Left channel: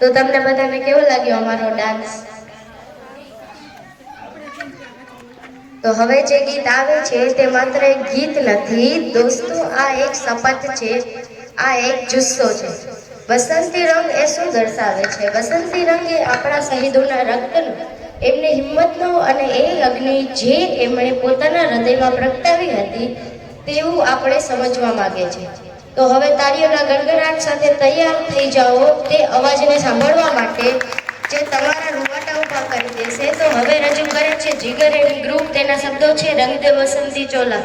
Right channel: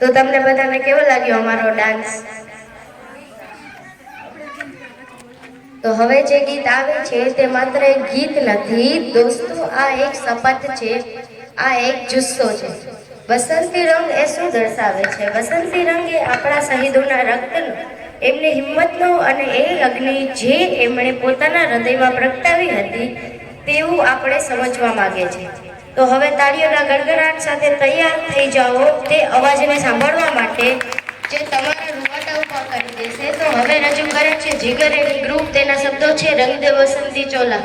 તો તમને બધાને કેવો લાગ્યો અમારો ડાન્સ? તો હવે જે ગીત આવે છે તે માત્ર એક ગીત નથી દોસ્તો, આ એક શપથ છે, આ એક જુસ્સો છે. વસંતી રંગ એ શું દર્શાવે છે? વસંતી રંગ એ આપણા શહીદોના રક્તનો, એમની હિંમતનો અને એ અગ્નિ જે એમણે પોતાના હૃદયમાં પ્રગટાવી હતી તેવું આપણે સમજવા માંગે છે. તો હવે તાળીઓના ગણગણાટ સાથે તૈયાર થઈ જાઓ તે અવાજને સાંભળવા માટે જે તમારા રૂવાટા ઉભા કરી દેશે. તો હવે રજૂ કરે છે જીગર એન્ડ ગ્રુપ, તેના શબ્દો છે રંગ દે વસંતી ચોલા.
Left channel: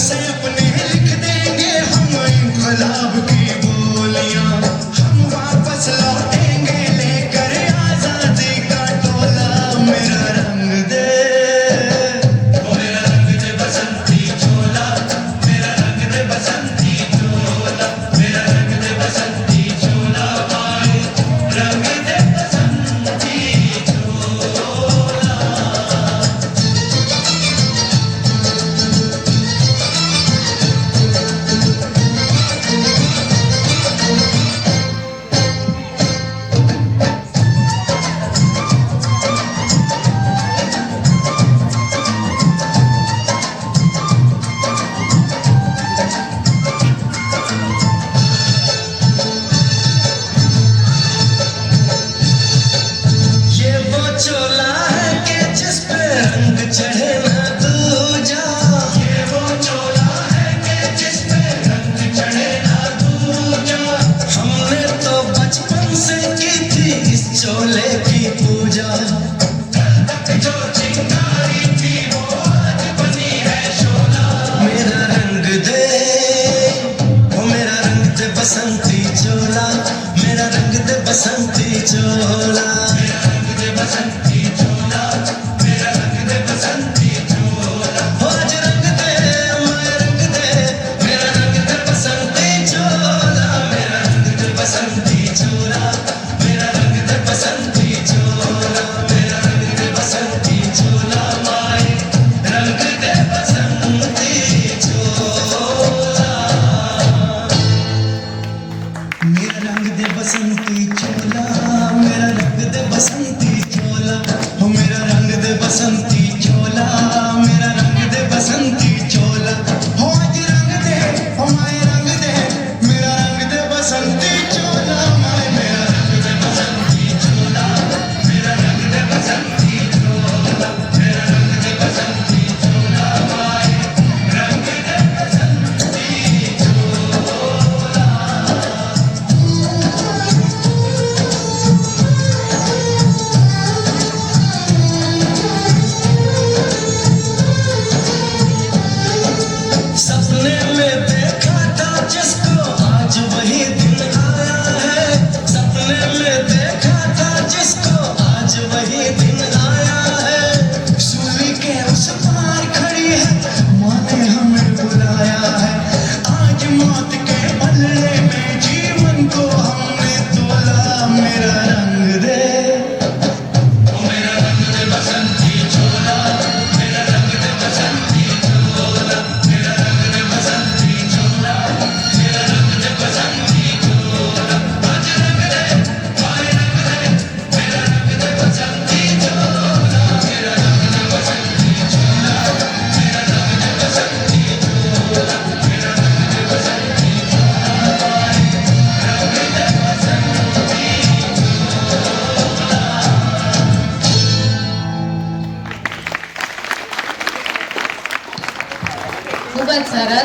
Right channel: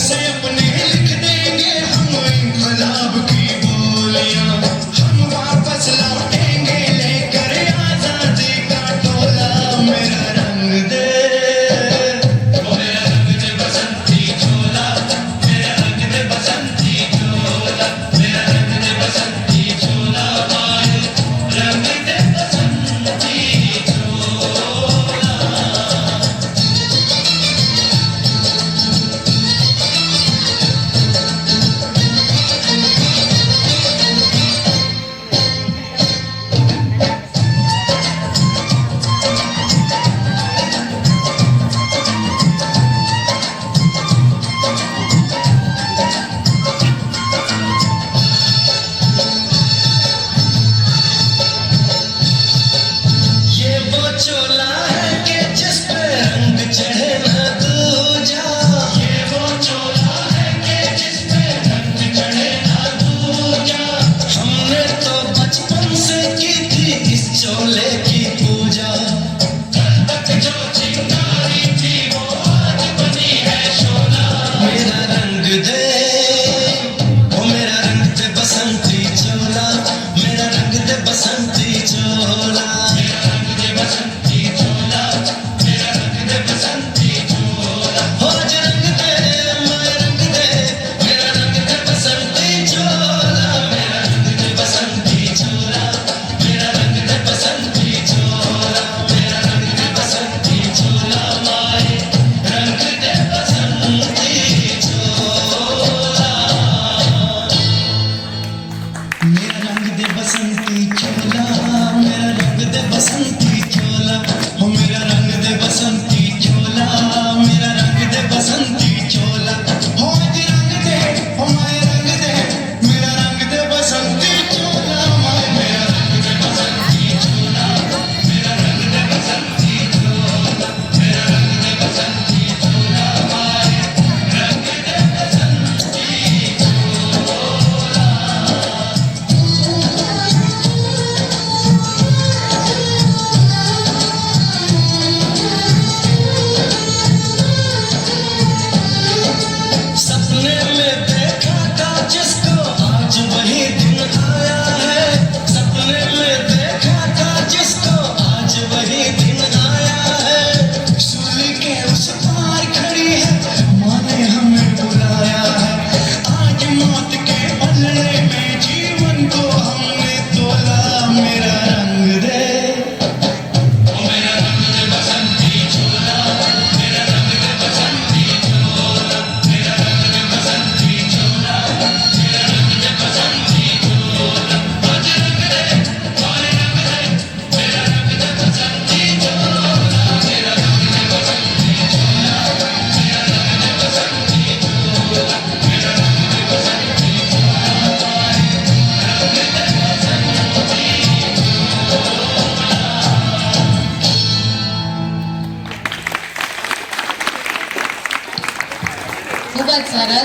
से अपने लिख देंगे हम इनकलाब की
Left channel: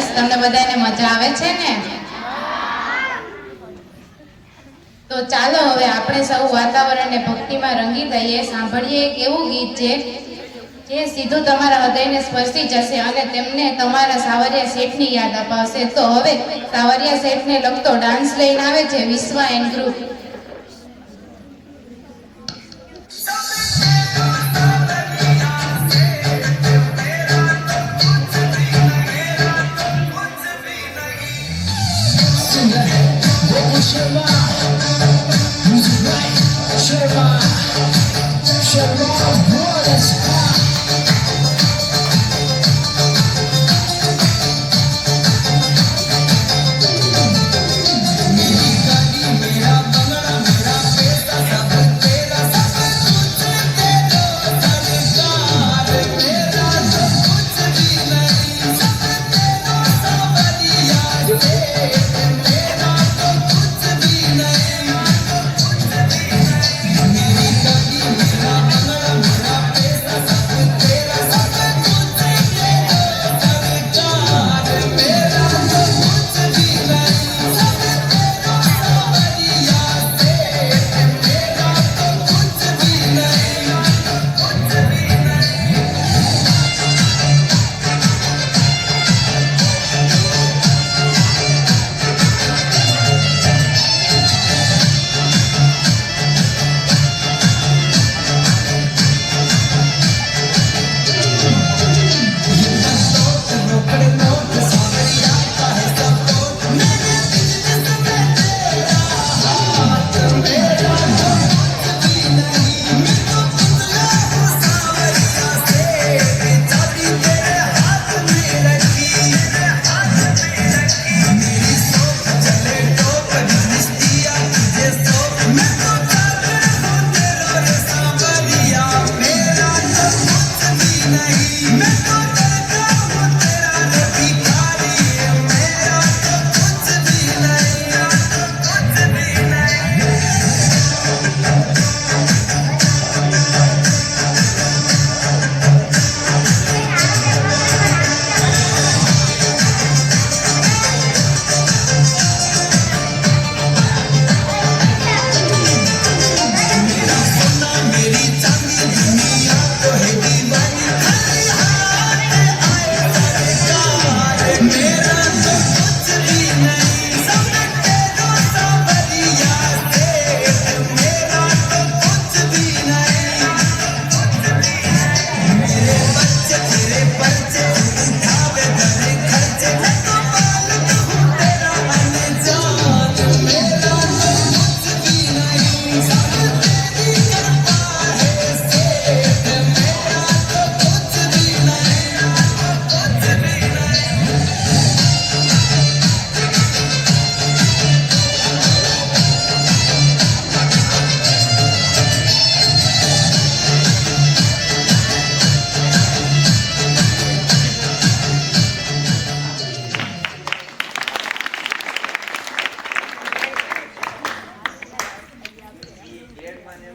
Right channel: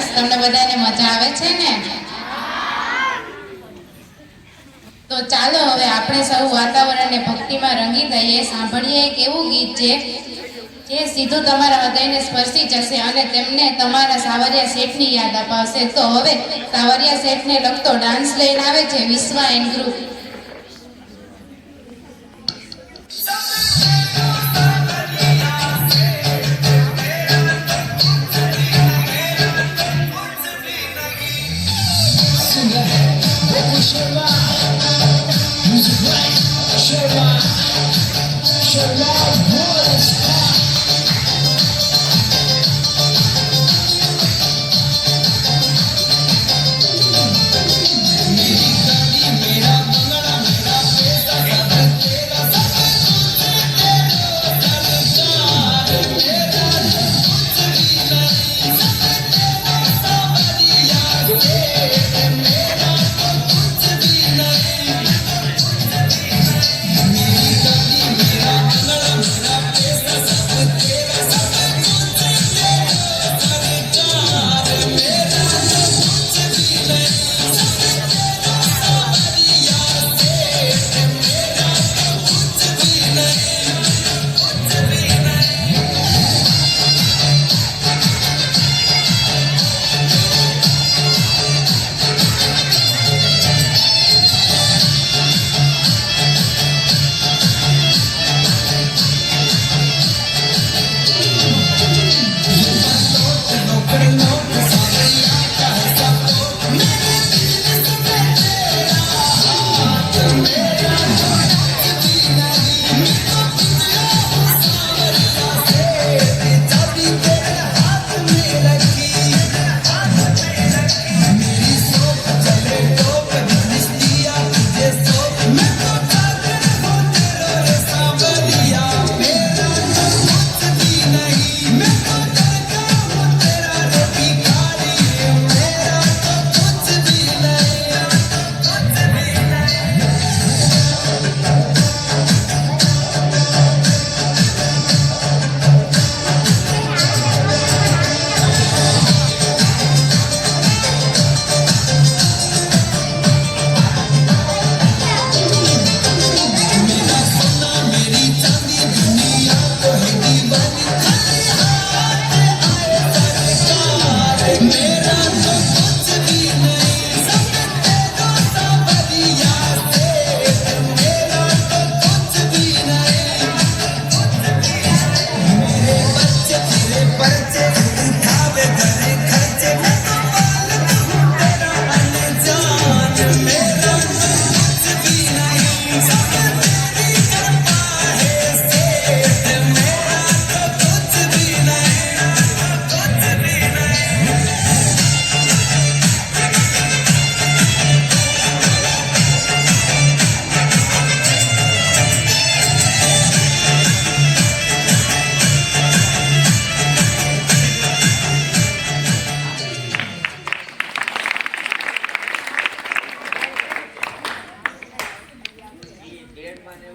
સરસ. તમને બધાને મજા આવે છે ને? તો ચાલો હવે આપણે સૌ વાતાવરણને ભક્તિમાં રંગી દઈએ. સાંભળીએ એક એવું ગીત જે સીધું તમારા હૃદયને સ્પર્શી જશે અને તેમને તમારા સાવરિયા શેઠની યાદ અપાવશે. તો હવે સાવરિયા શેઠને લગતો ડાન્સ લઈને આવે છે વિશ્વા એન્ડ ગ્રુપ.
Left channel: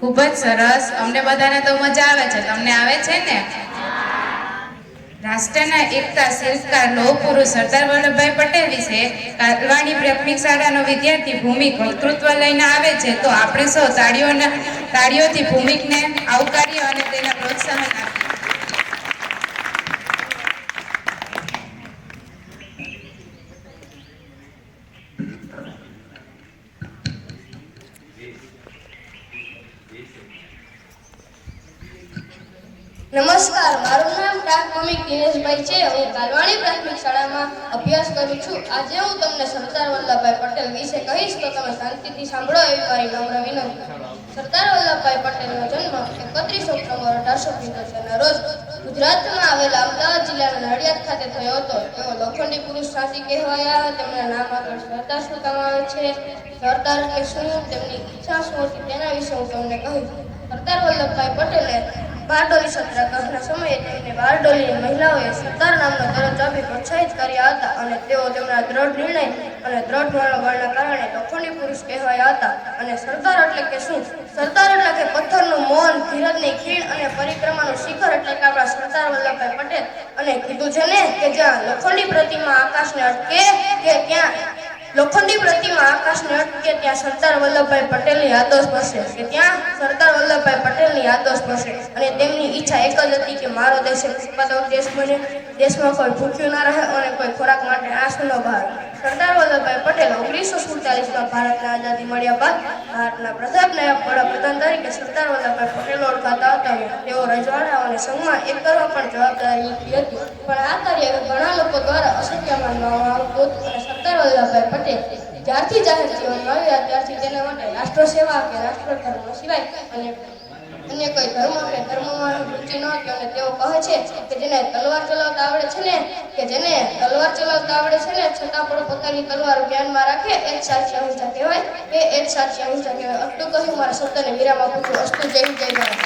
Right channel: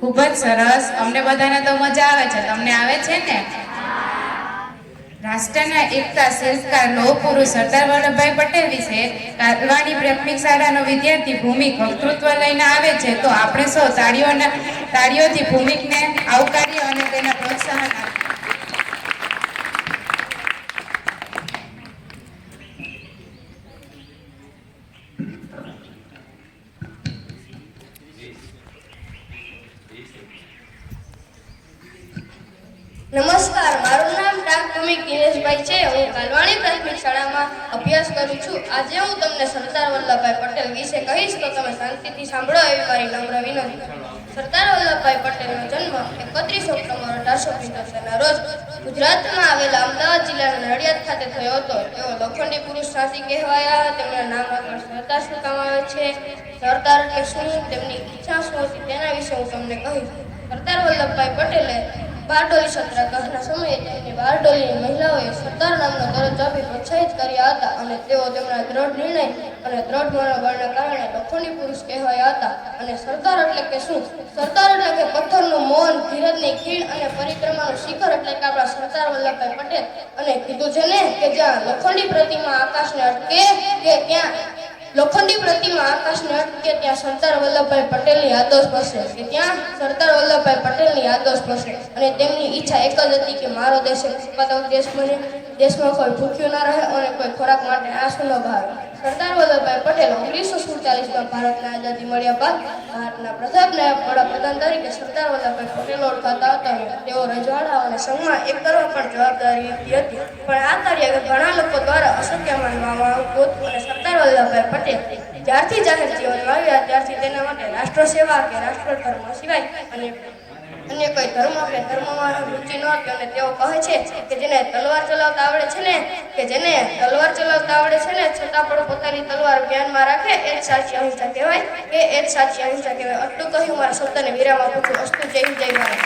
ખૂબ જ સરસ. અમને બધાને તો મજા આવે છે. તમને આવે છે ને? રાષ્ટ્રના એકતા શિલ્પકાર લોહ પુરુષ સરદાર વલ્લભભાઈ પટેલ વિશે કાલવાણી પ્રાથમિક શાળાનો વિદ્યાર્થી ભૂમિક વક્તૃત્વ લઈને આવે છે. તો આપણે સૌ તાળીઓથી ભૂમિકને આવકારીએ અને તેને પ્રોત્સાહન આપીએ. નમસ્કાર, મારું નામ ડાક ભૂમિક દિનેશભાઈ છે. હું કાલવાણી પ્રાથમિક શાળામાં અભ્યાસ કરું છું. આજે હું તમને સરદાર વલ્લભભાઈ પટેલ વિશે કહીશ, તો તમે શાંતિથી સાંભળો એવી મારી નમ્ર વિનંતી. સરદાર વલ્લભભાઈ પટેલનો જન્મ 31 ઓક્ટોબર 1875ના રોજ ગુજરાતમાં આવેલા અમદાવાદ જિલ્લાના નડિયાદ ખાતે થયો હતો. તેઓ લોખંડી પુરુષ સાથી કહેવાયા. તેમના નામ આગળ સરદાર શું કામ આવે છે, સરદાર એટલે શું, તેમની ઈચ્છા શું હતી, તેના વિશે હું તમને કહીશ. સરદાર વલ્લભભાઈ પટેલે બારડોલી સત્યાગ્રહના સમયે તેમને બારડોલીની મહિલાઓએ સરદાર નામનો દરજ્જો આપી પ્રોત્સાહિત કર્યા હતા અને તેઓ તેમના દ્રઢ નિર્ણય અને દ્રઢ મનોબળના કારણે લોખંડી પુરુષ કહેવાયા હતા. અને સરદાર એટલે કે શું? સરદાર એટલે કે પથ્થરનું મૌન, ધીરજની ખીણ અને પરિક્રમાનું શિખર એટલે કે આપણા સરદાર વલ્લભભાઈ પટેલ. અને કીધું છે ને કે જ્યાં લોખંડી પ્રતિમા આકાશને અટકે કે ક્યાં લોખંડી પ્રતિમા આકાશને અટકે ત્યાં સરદાર વલ્લભભાઈ પટેલની યાદો સ્પર્શે, કે ત્યાં સરદાર વલ્લભભાઈ પટેલની યાદો સ્પર્શે. અને તેમની ઈચ્છા એક જ હતી કે મારો દેશ ઉત્પાદક દેશ બને, દેશમાં કોઈ ભૂખ્યું ના રહે અને કોઈ ખોરાક માટે આંસુ ન બહારે. સરદાર વલ્લભભાઈ પટેલ 1947માં ભારતને આઝાદી મળ્યા બાદ ભારતના પ્રથમ નાયબ વડાપ્રધાન તરીકે સરદાર વલ્લભભાઈ પટેલ ઓળખાતા હતા. અને તેઓ રજવાડાઓને સન્માન એક કરવા પણ જવાબદારી લીધી હતી. પણ આ કાર્ય ઘણા લોકો દ્વારા અશક્ય માનવામાં આવતું હતું. અને સરદાર વલ્લભભાઈ પટેલ જ્યારથી જાહેર જીવનમાં આવ્યા ત્યારથી તેના માટે રાષ્ટ્ર સેવા કે રાષ્ટ્ર ધર્મ સિવાય અને અન્ય કોઈ ધર્મ કે ધર્મમાં રુચિ ન હતી. અને તેઓ કહે છે કે જેને તલવાર ચલાવતા આવડે છે ને છતાં પણ પોતાની તલવાર ધ્યાનમાં રાખે એ જ સાચી અહિંસા કહેવાય, આટલું કહ્યું મારા શબ્દને વિરામ આપું છું. અસ્તુ. જય હિન્દ, જય ભારત.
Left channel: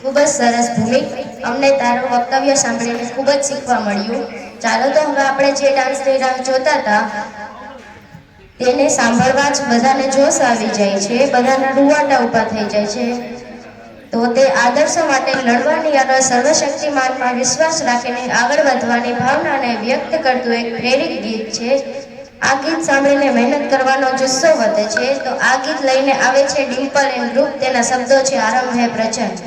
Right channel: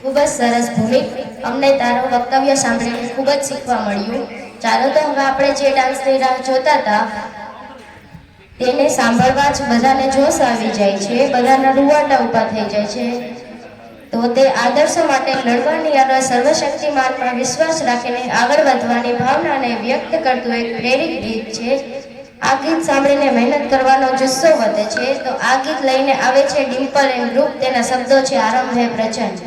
ખૂબ જ સરસ ભૂમિક. અમને તારું વક્તવ્ય સાંભળીને ખૂબ જ શીખવા મળ્યું. ચાલો તો હવે આપણે જે ડાન્સની રાહ જોતા હતા તેને સાંભળવા જ બધાને જોશ આવી જાય છે, બધાના રૂવાટા ઊભા થઈ જાય છે. તો તે આદર્શો માટે લડવાની અને સર્વશક્તિમાનમાં વિશ્વાસ રાખીને આગળ વધવાની ભાવનાને વ્યક્ત કરતું એક પ્રેરક ગીત છે. આ ગીત સાંભળીને મહેનત કરવાનો જુસ્સો વધે છે. તો આ ગીત લઈને આવે છે ડિમ્પલ એન્ડ ગ્રુપ. તેના શબ્દો છે આરંભ હે પ્રચંડ.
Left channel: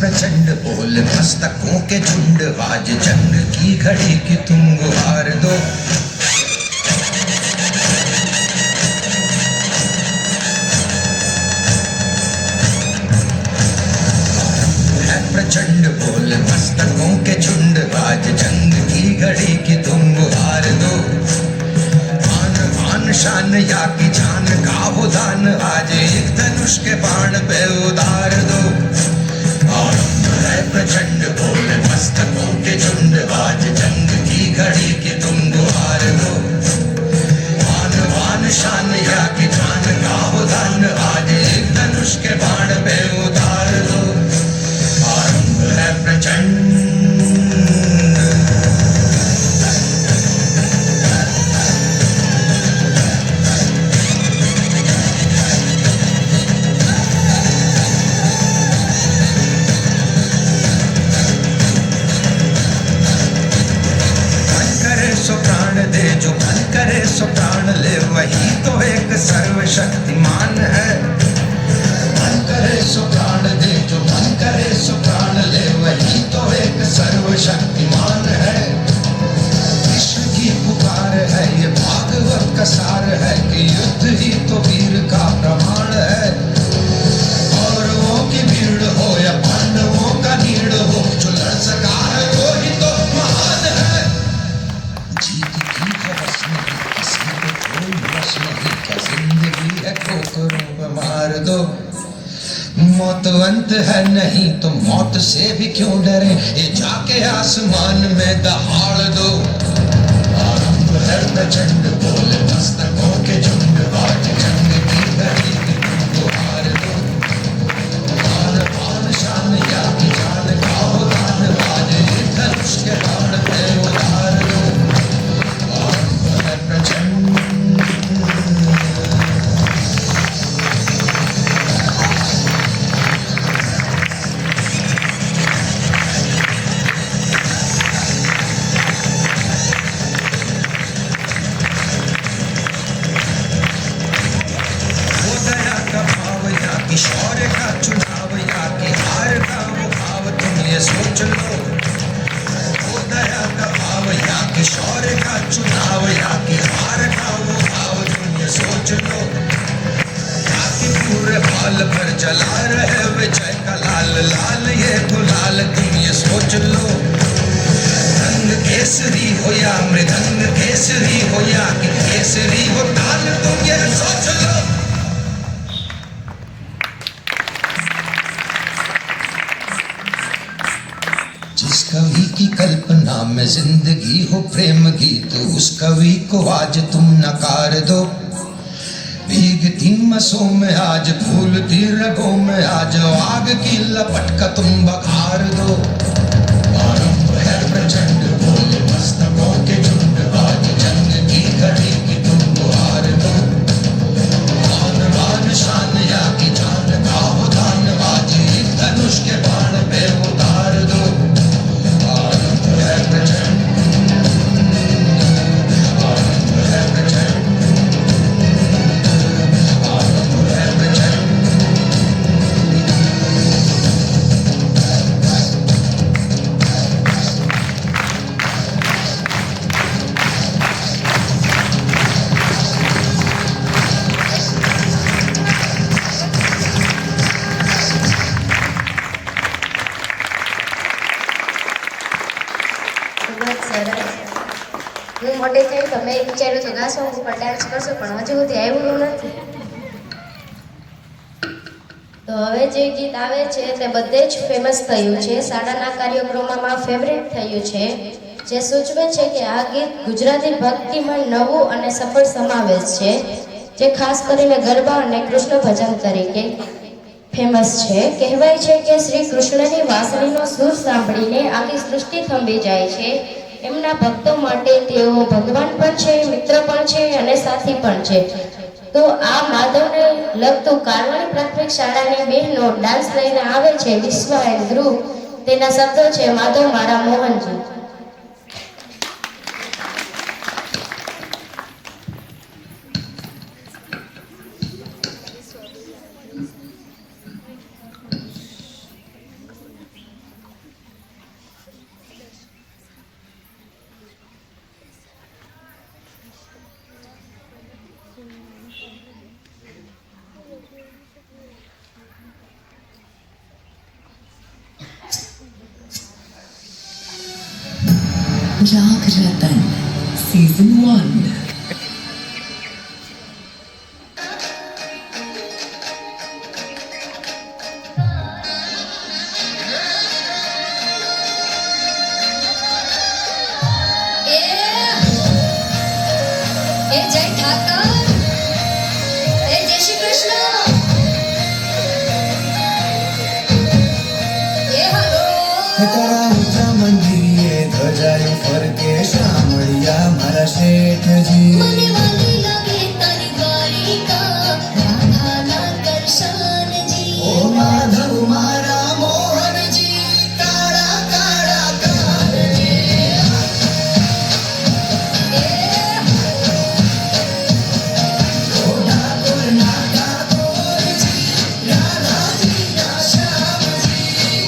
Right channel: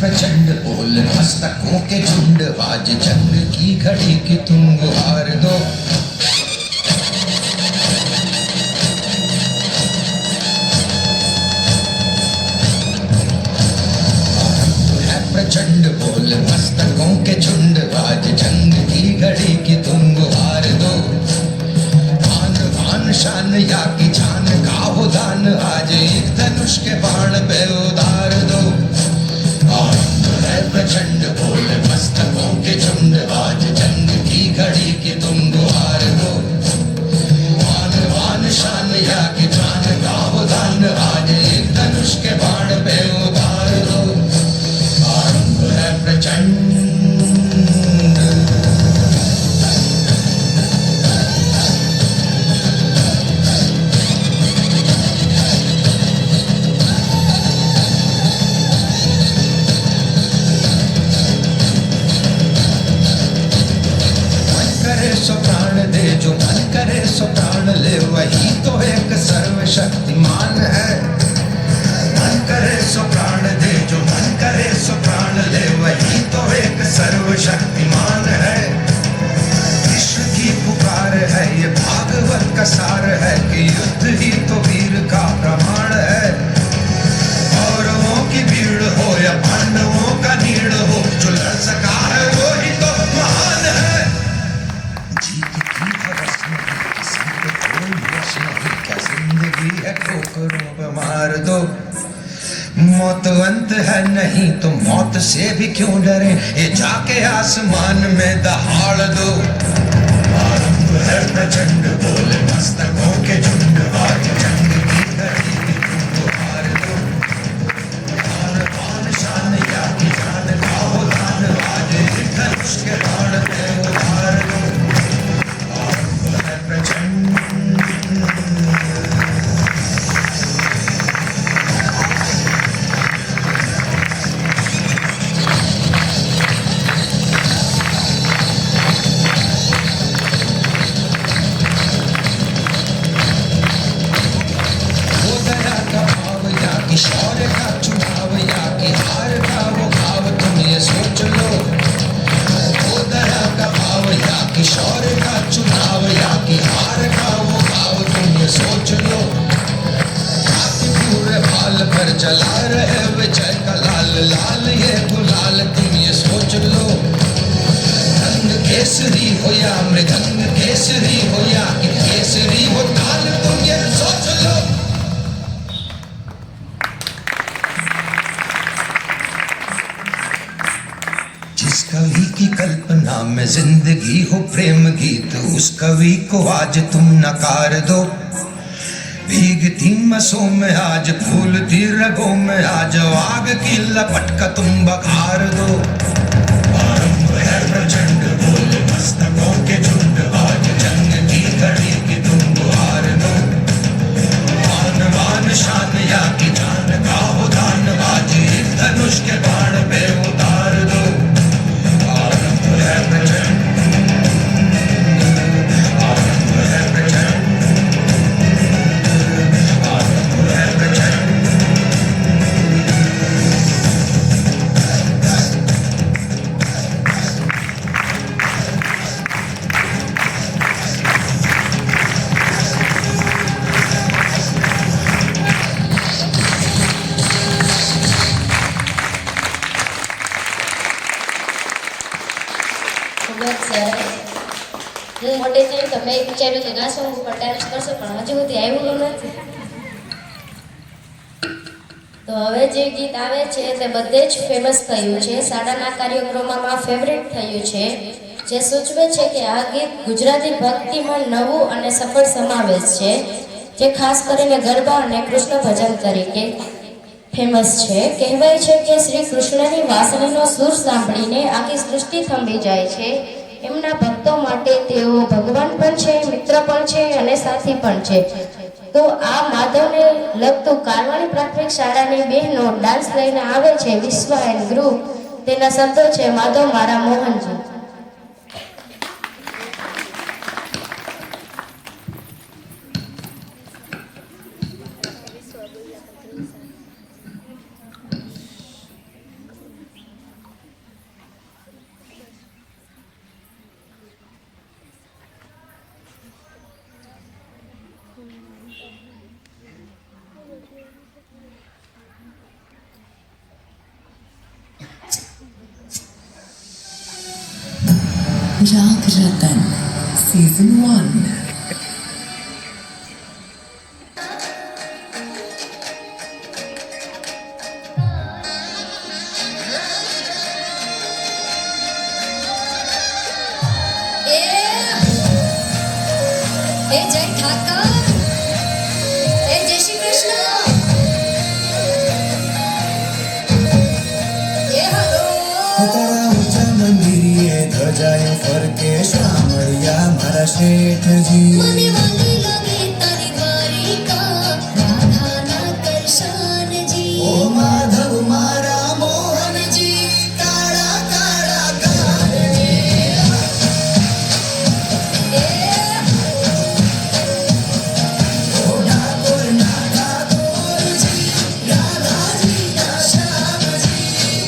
प्रचंड बोल मस्तकों के झुंड, आज जंग की घड़ी की तुम गुहार दो. है प्रचंड बोल मस्तकों के झुंड, आज जंग की घड़ी की तुम गुहार दो. आन बान शान याति जान का हो दान, आज एक धनुष के बाण पे उतार दो. है प्रचंड बोल मस्तकों के झुंड, आज जंग की घड़ी की तुम गुहार दो. आन बान शान या कि जान का हो दान, आज एक धनुष के बाण पे उतार दो. आरंभ है प्रचंड. वही तो एक सर्वशक्तिमान है. मन करे सो प्राण दे, जो मन करे सो प्राण ले, वही तो एक सर्वशक्तिमान है. कृष्ण की पुकार है, ये भागवत का सार है कि युद्ध ही तो वीर का प्रमाण है. कौरवों की भीड़ हो या पांडवों का नीड़ हो, जो लड़ सका है वो ही तो महान है. जीत की हवस नहीं, किसी को कोई वश नहीं, क्या जिंदगी है ठोकरों पे मार दो. मौत अंत है नहीं तो मौत से भी क्यों डरे, ये जाके आसमान में दहाड़ दो. आरंभ है प्रचंड बोल मस्तकों के झुंड, आज जंग की घड़ी की तुम गुहार दो. आन बान शान या कि जान का हो दान, आज एक धनुष के बाण पे उतार दो. आरंभ है प्रचंड. केसरी हो या मृदंग केसरी हो या कि केसरी हो ताल, तुम ये सोच लो। जिस कवि की कल्पना में जिंदगी हो प्रेम गीत, उस कवि को आज तुम नकार दो। भीगती मसों में आज फूलती रगों में आज आग की लपट का तुम बखार दो। आरंभ है प्रचंड बोले मस्तकों के झुंड, आज जंग की घड़ी की तुम गुहार दो। आन बान शान या की जान का हो दान, आज एक धनुष के बाण पे उतार दो। आरंभ है प्रचंड, आरंभ है प्रचंड, आरंभ है प्रचंड। ખૂબ જ સરસ. હું મોટી થઈ તો મેં વિચાર્યું તો આ સોંગ ઉપર ડાન્સ કરશો, પણ હજુ સુધી આવ્યું નથી. તો હવે જે ગીત આવે છે તે બધે જ ફેમસ થયું છે, શાળાના કાર્યક્રમોમાં ફેવરેટ થયું છે, જે સૂચવે છે કે આ ગીત ગુજરાતી ભક્તિમાં નવું અને સફળ સમાવેશ છે, જે ખાસ કરીને ગરબા અને કૃષ્ણ ભજન તરીકે ફેમસ છે. કહેવાય છે કે શ્રી કૃષ્ણની વાંસળીનો સૂર સાંભળીને આખી સૃષ્ટિ થંભી જાય છે. એમના ભક્તો માટે તેઓ ભગવાન પણ છે, મિત્ર પણ છે અને સાથી પણ છે. તો આ માધવને લગતું કાલવાણી પ્રાથમિક શાળાની બહેનો ડાન્સ લઈને આવે છે, વિશ્વા એન્ડ ગ્રુપ. તેના શબ્દો છે માધવ મારા મોહનજી. राग रतन सीजन 1। જય ઠાકર, જય શ્રી કૃષ્ણ. તારા ઊંચા મંદિરે ધજાયો ફરકે શામળિયા મારા શેઠજી. મને વાલી લાગે તારી દ્વારિકા, રાધાના દર્શનજી. ઓ માધવ મારા મોહનજી, કાળા કાળા કારણે. ઓ ઠાકોર ના ઠાકોરજી, રાધાજી ના શ્યામજી.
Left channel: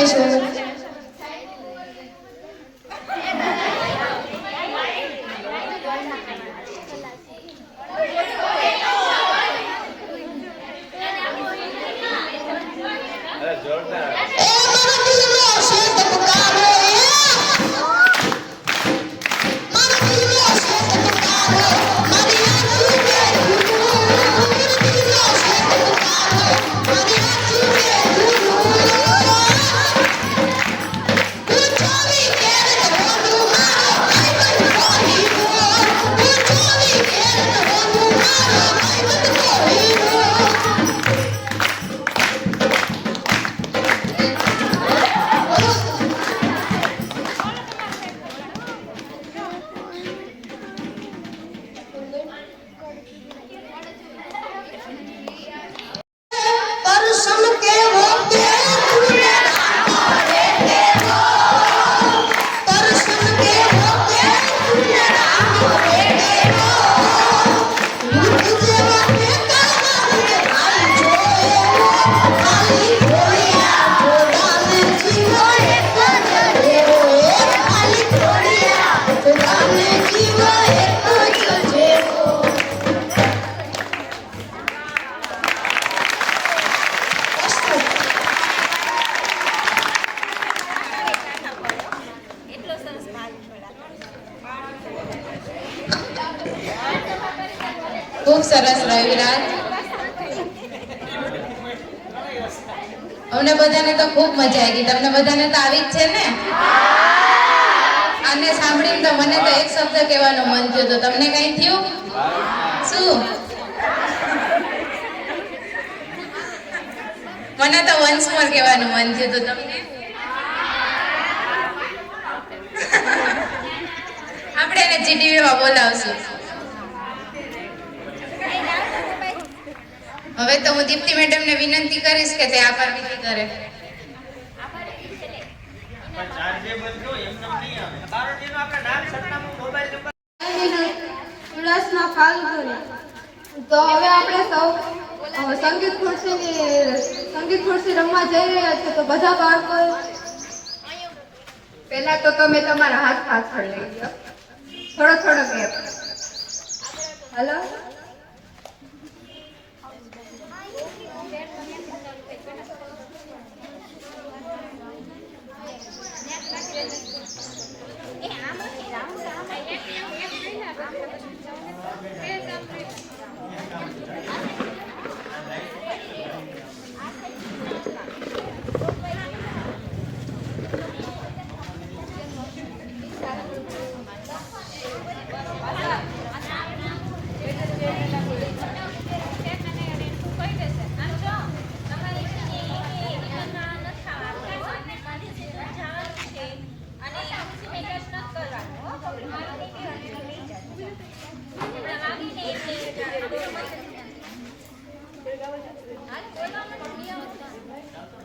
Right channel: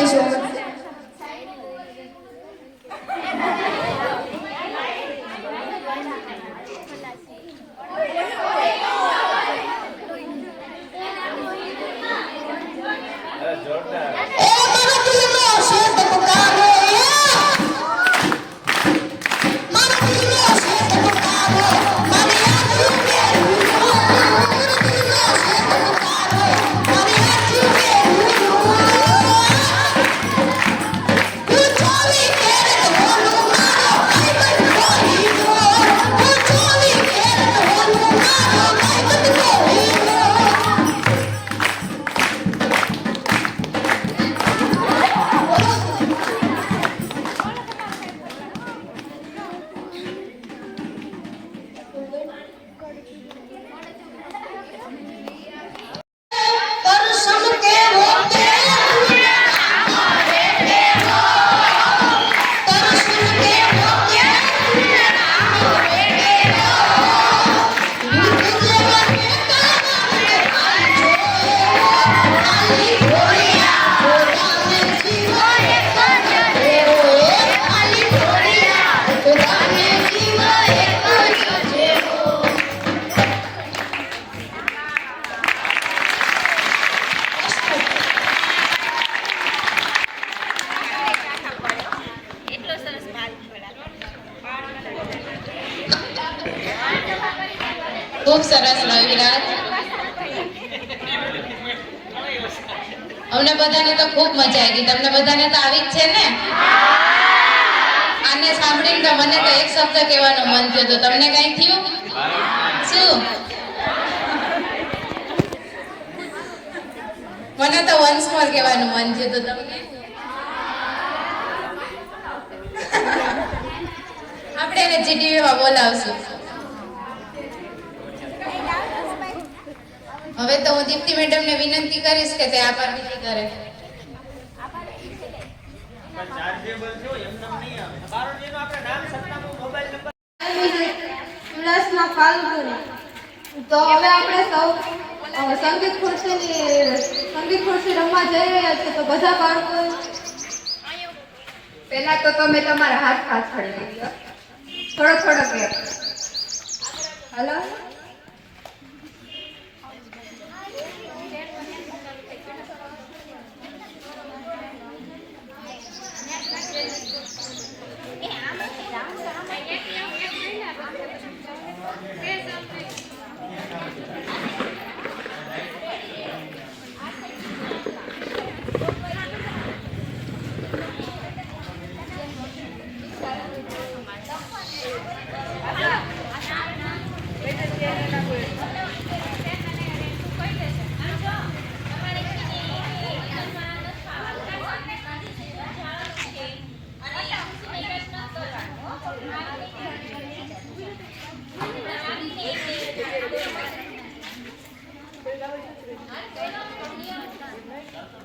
રમીશું. ખૂબ સરસ રવિરાજ. અમને બધાને તો ખૂબ મજા આવી. તમને બધાને તો આવી જ છે ને? આને સાંભળીને તો મને તો એક શબ્દ કહેવાનો મન થયો. તો તમને કઈ થયું? શું? મને તો વન્સ મોર કહેવાનું મન થયું. તો તમને? આપણે એને જીટીવીમાં બોલાવશું. હવે તો હું દીપ્તિ મેડમને વિનંતી કરીશ કે તે આભાર વિધિ કરે. ઉલ્લાસમાં ફાલ્ગુન. તો હવે આપણે સૌ સંગીત ખુરશી રમવા જઈ રહ્યા છે. તો બધા બાળકો પહેલા તો તમે તમારા હાથ પાછળ લઈ લો. થોડો ગેપ. હલો.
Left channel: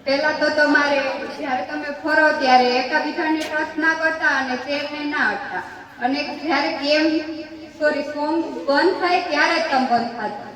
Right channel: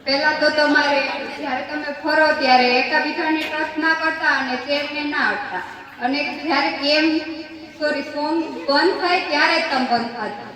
પહેલા તો તમારે જ્યારે તમે ફરો ત્યારે એકાબીજાને ટચ ના કરતા અને ચેરને ના અડતા. અને જ્યારે સોંગ બંધ થાય ત્યારે જ તમે બંધ થતા.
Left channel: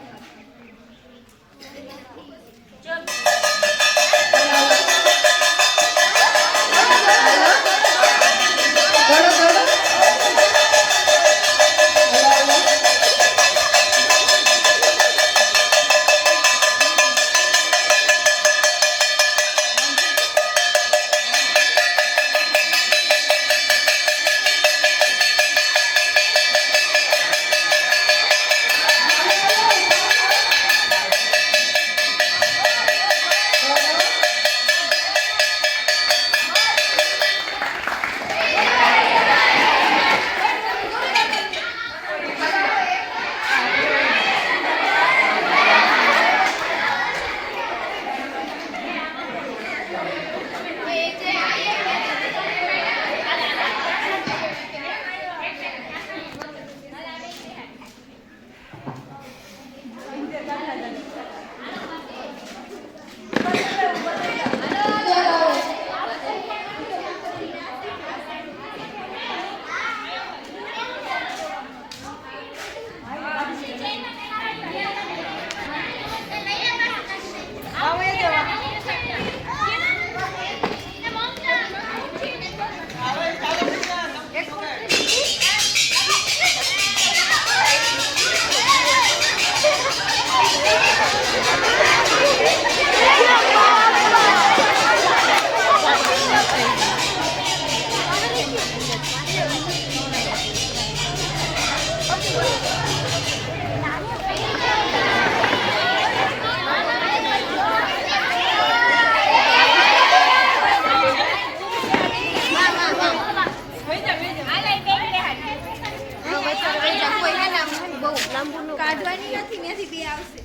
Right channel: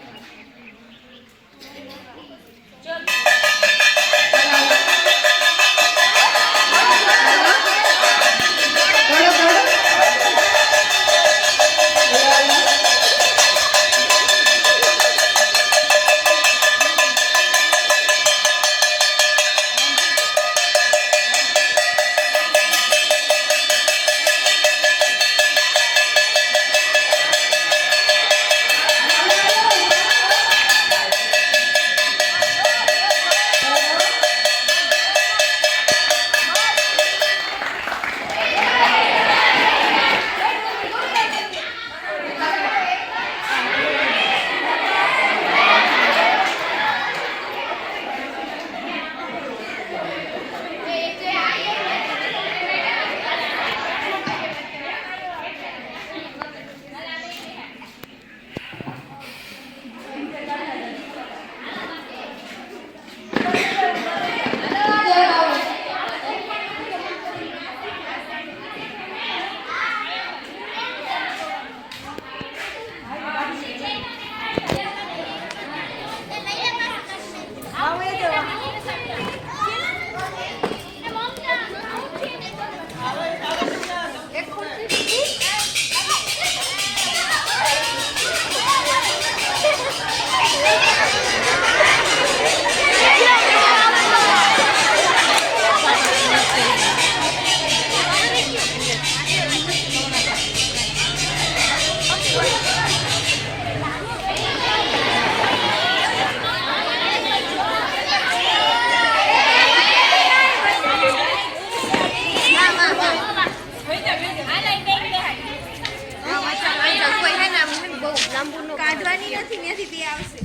કાઢવાની નથી ત્યાંથી તે આવશે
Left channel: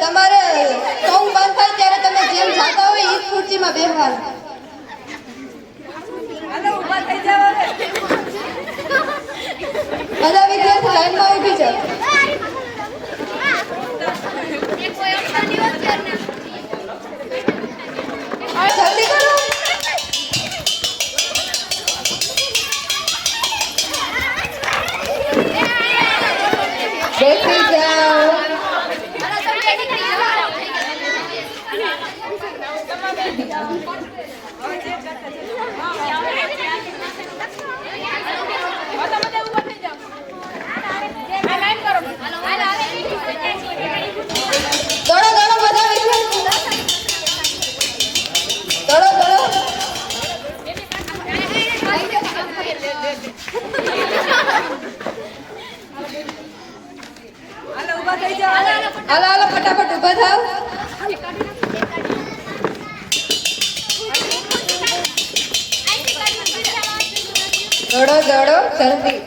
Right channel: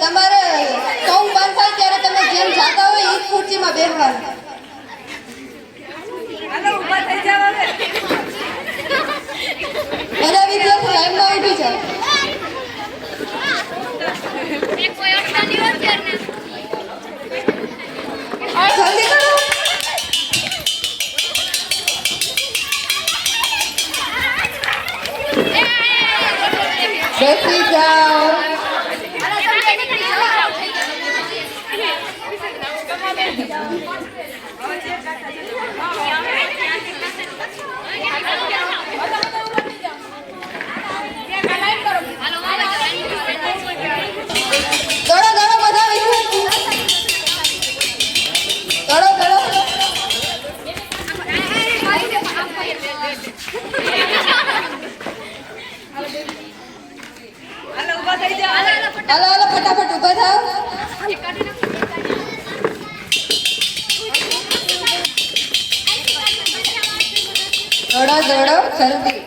તમારે સોંગ બંધ થાય ત્યારે તમે જેમ જાતા હોય એ જ ખુરશીમાં બેસવાનું બધા વિદ્યાર્થી લાઈનમાં ઉભી છે જલ્દી કરો. બેસી જાઓ. હાલો હાલો ફટાફટ ઊભા થાવ. દોડો દોડો જલ્દી.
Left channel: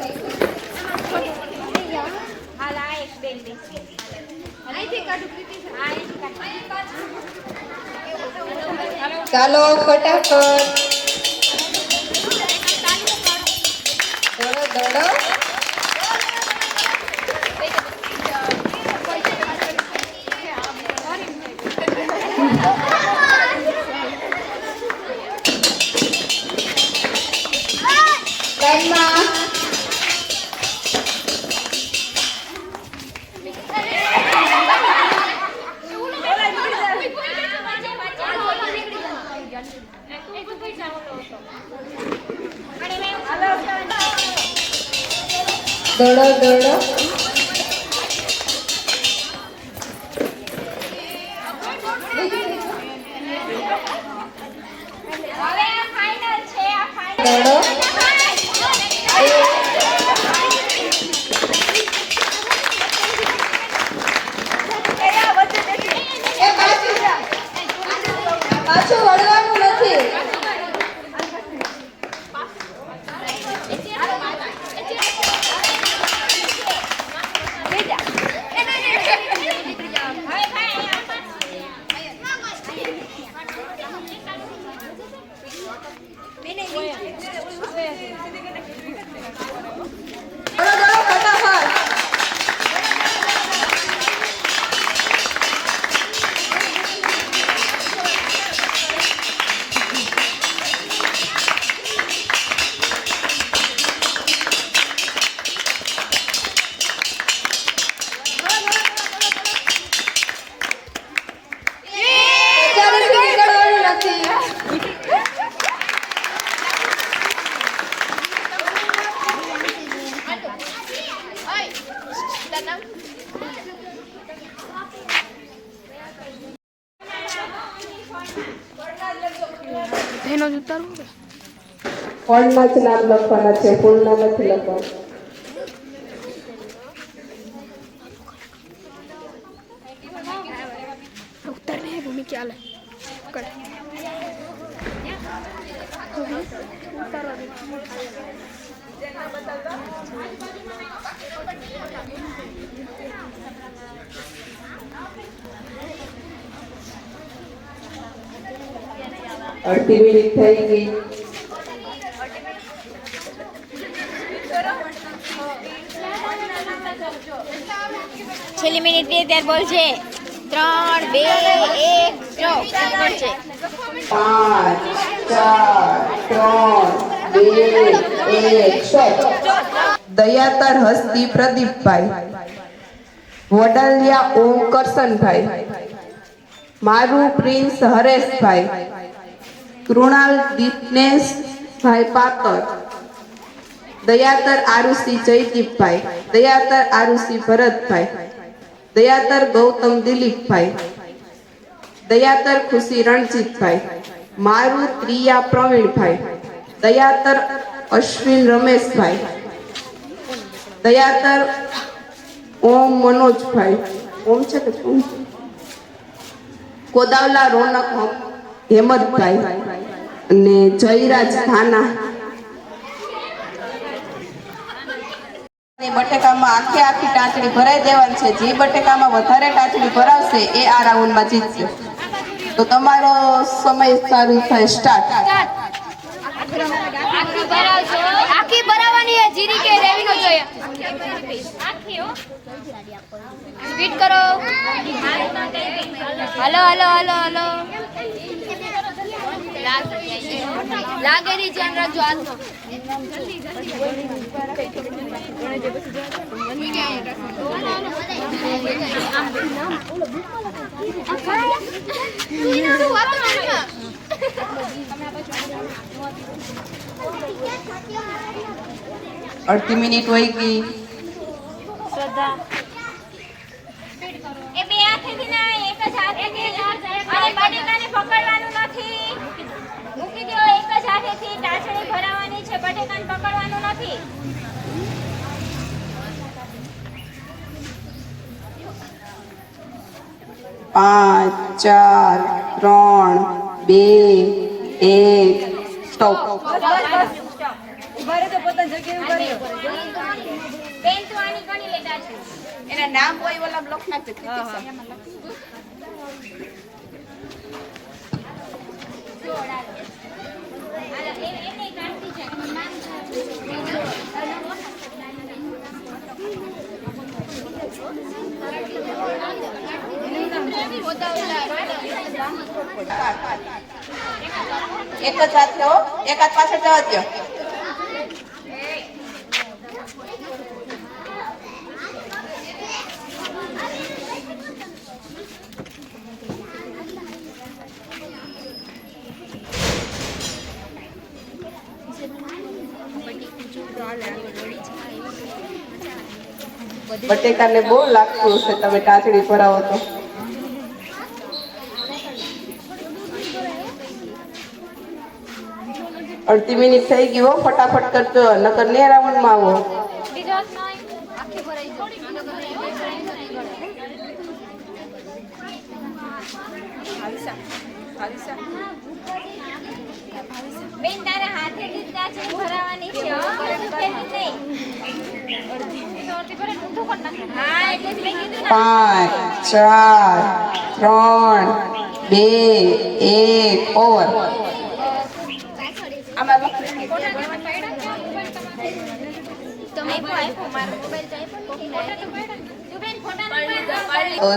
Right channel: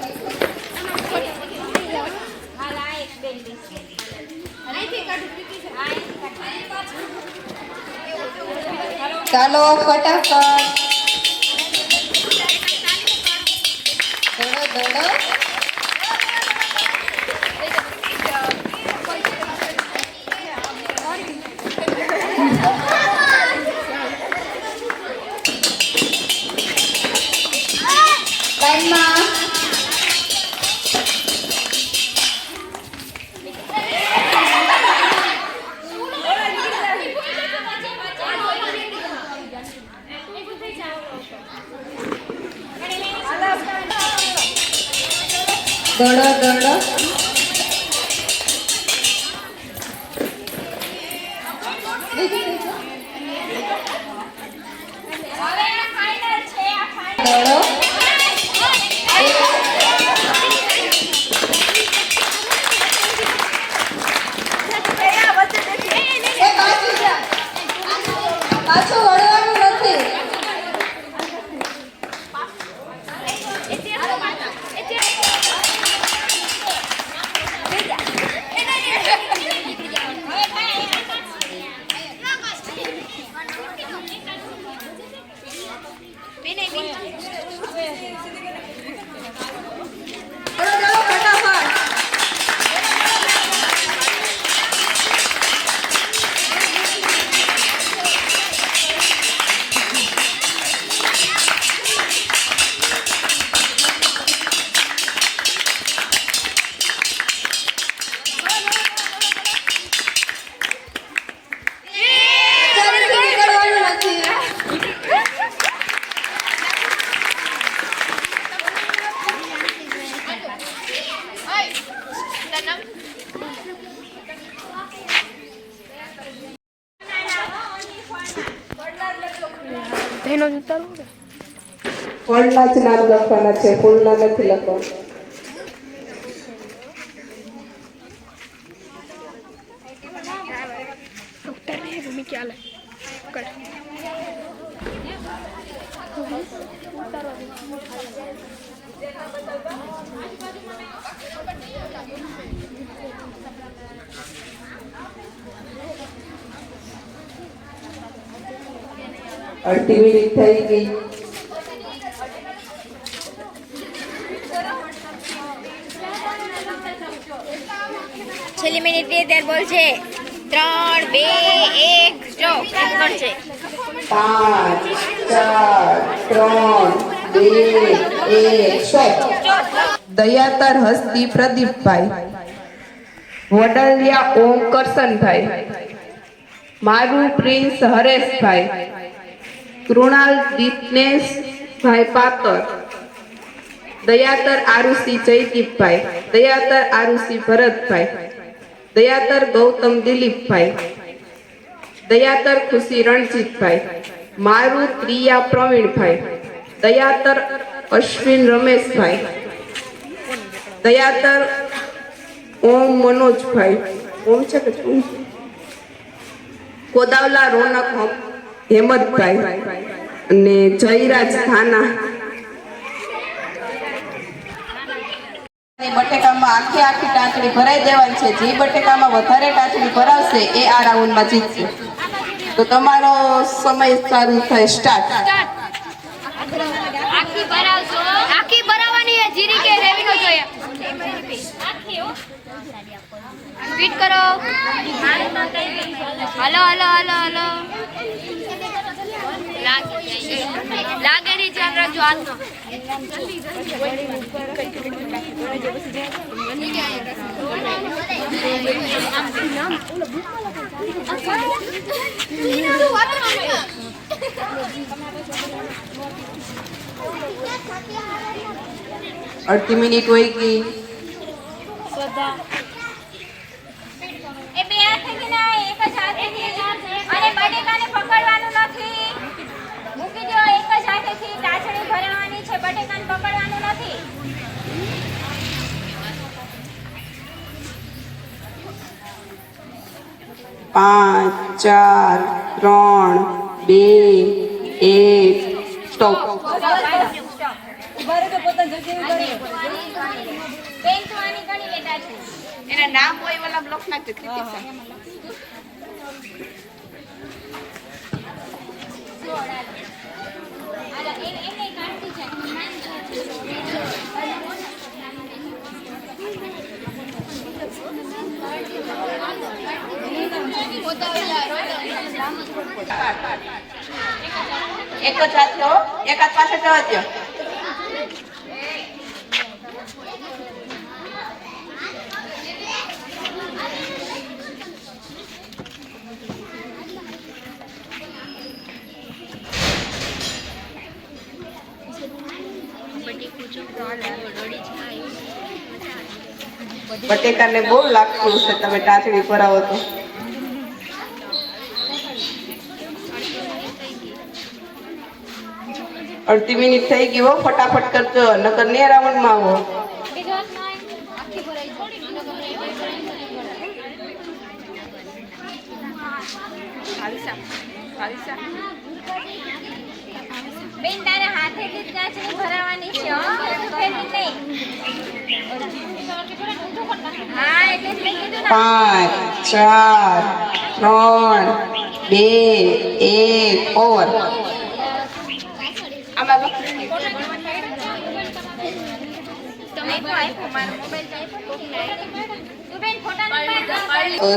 ચાલો ફટાફટ દોડો દોડો. દડો દડો દડો પાછું વળવાનું નથી. દડો ફટાફટ. ચાલીસથી નીકળવાનું નથી. ફળના જ નામ લખવાના છે, ફૂલના નથી લખવાના. અડધી મિનિટ થઈ ગઈ. છેલ્લી મિનિટ ની ત્યાર બોલશે 3 2 1 સ્ટોપ એમ કરશે 5 4 3 2 1 સ્ટોપ. દયાતર હસ્તી પ્રદીપભાઈ, વડલિયા ઓમ કરશનભાઈ, મારું પ્રિન્સ હરેશભાઈ, કૃણાલ દીપનેશભાઈ પાતર, દયાતર આરુષી જયદીપભાઈ, દયાતર આરુષી ભરતભાઈ, દયાતર ગૌતમ દિલીપભાઈ, દયાતર ખુશી રણજીતભાઈ, મારું પ્રિયા પ્રવીણભાઈ, દયાતર અશ્વિન રમેશભાઈ, દયાતર ઓમ મનોજભાઈ, ઓમ છે કે ઓમ છે? કોદાવલા રોનક હેમતભાઈ અને જયરાજ ધાના. બટેકામાં આખી ટાંચણી ભરાઈ દેવાની છે. જે બટેકામાં વધારે ટાંચણી ભરાવશે એ આ રાઉન્ડમાં જીતશે. તો તમારો સમય ચાલુ થાય, સ્ટાર્ટ. આખી ભરાવાની છે જીરી કે રેવી નો જોઈએ સ્પીડ કરો હલો હલો હલો હલો લાગે નહીં ધ્યાન રાખજો હાથમાં અડધી મિનિટ હોય ગઈ. એ બે હાથેથી ના એક જ હાથેથી અને બટેકાને પકડવાનું નથી મૂકી દો એક જ હાથેથી ટાચણી ભરાવાની છે બટેકાને પકડવાનું નથી 5 4 3 2 1 સ્ટોપ. બેન તો આની ગણી લેતા છે એના નામ હોય વાલા બ્લોક નાખી દે. એને કાઢતી એક જ હાથ લો, એક હાથ પાછળ જવા દો. બટેકાને બહુ લાગતું હશે તમે ટાચડી ભરાવો તો. અડધી મિનિટ થઈ ગઈ હો, ફટાફટ કરજો નકર ને રાઉન્ડમાં આવો. બેન તારા હાથે જ ટાચણી ભરાવાની છે હો, નહીં. હા એટલે જ મેં કીધું ને. 5 4 3 2 1 ઓવર.